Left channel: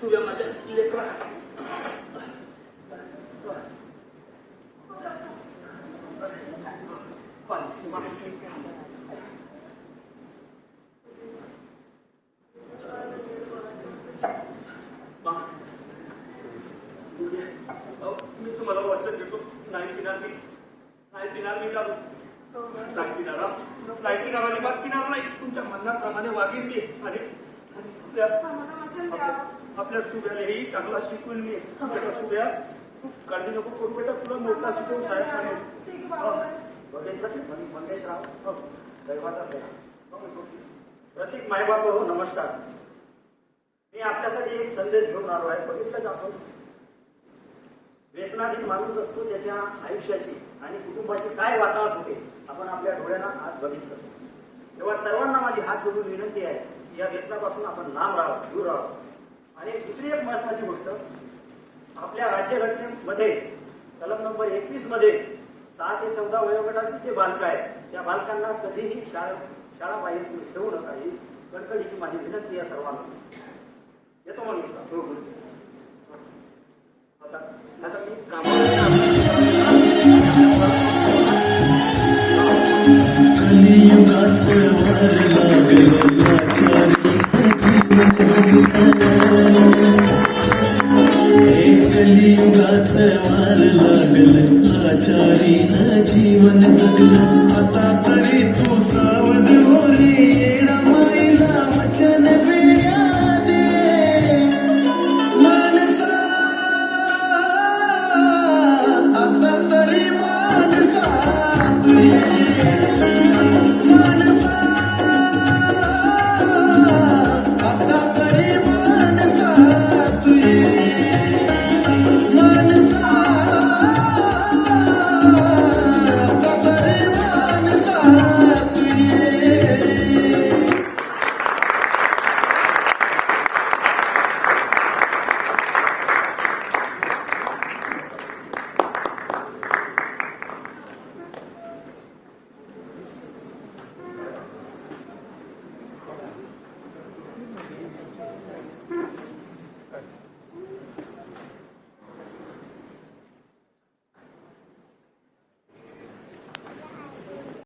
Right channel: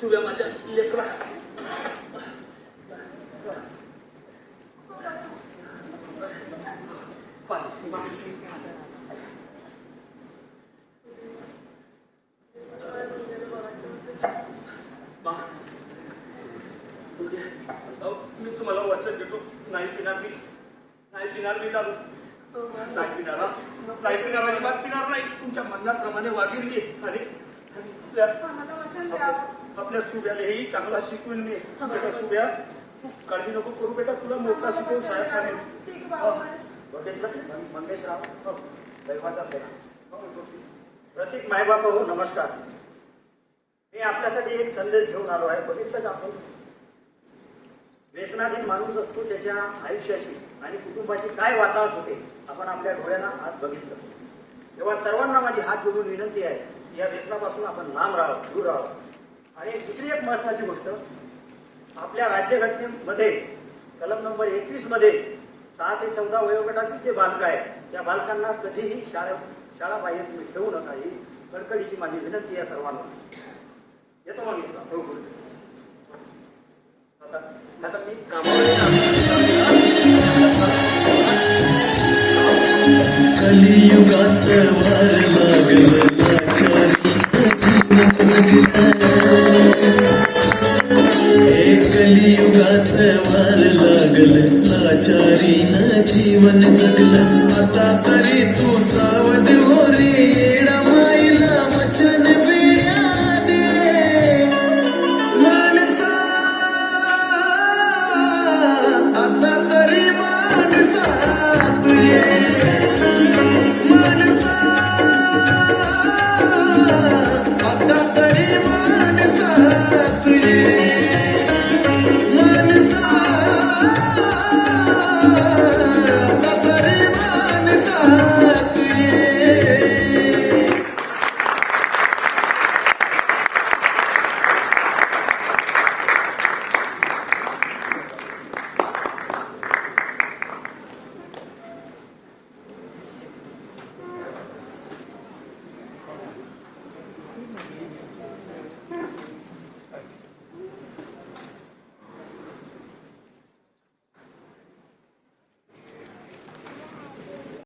सुव्या माझ्या लेकरा मी तुम्हाला वचन देतो, नाही पिणार मी दारू, नाही पिणार अजिबात पिणार नाही. तुमच्या म्हणण्याप्रमाणे वागेल मी आणि आपल्या सुव्यालाही चांगला शिकवेल मी. सुव्या तू काळजी नको करू बेटा, तुला मोठा शिकवून साहेब मंगेशराव दैवाचा रसिक मायबाप हो, नमस्कार. मी आपल्यासाठी एक संदेश घेऊन आलो आहे. बघितलंच आपण, व्यसनाधीन माणूस असतो, त्याच्या आयुष्याची आणि कुटुंबाची काय वातावरण होते आपण आपल्या डोळ्यांना आज बघितलं. तेव्हा सर्वांना माझी हात जोडून विनंती आहे, या व्यसनापासून आपण लांब राहावं, दूर राहावं. आणि दुसरी एक महत्वाची गोष्ट, आपल्या राज्यघटनेमध्ये कलम नंबर 21 मध्ये 6 ते 14 वयोगटातील जे बालक आहेत, त्या बालकांना कधीही शाळा बाहेर तुम्ही ठेवू नका, ही कळकळीची माझी विनंती आहे सर्वांना. येतो मग आता मी कलियुगाचं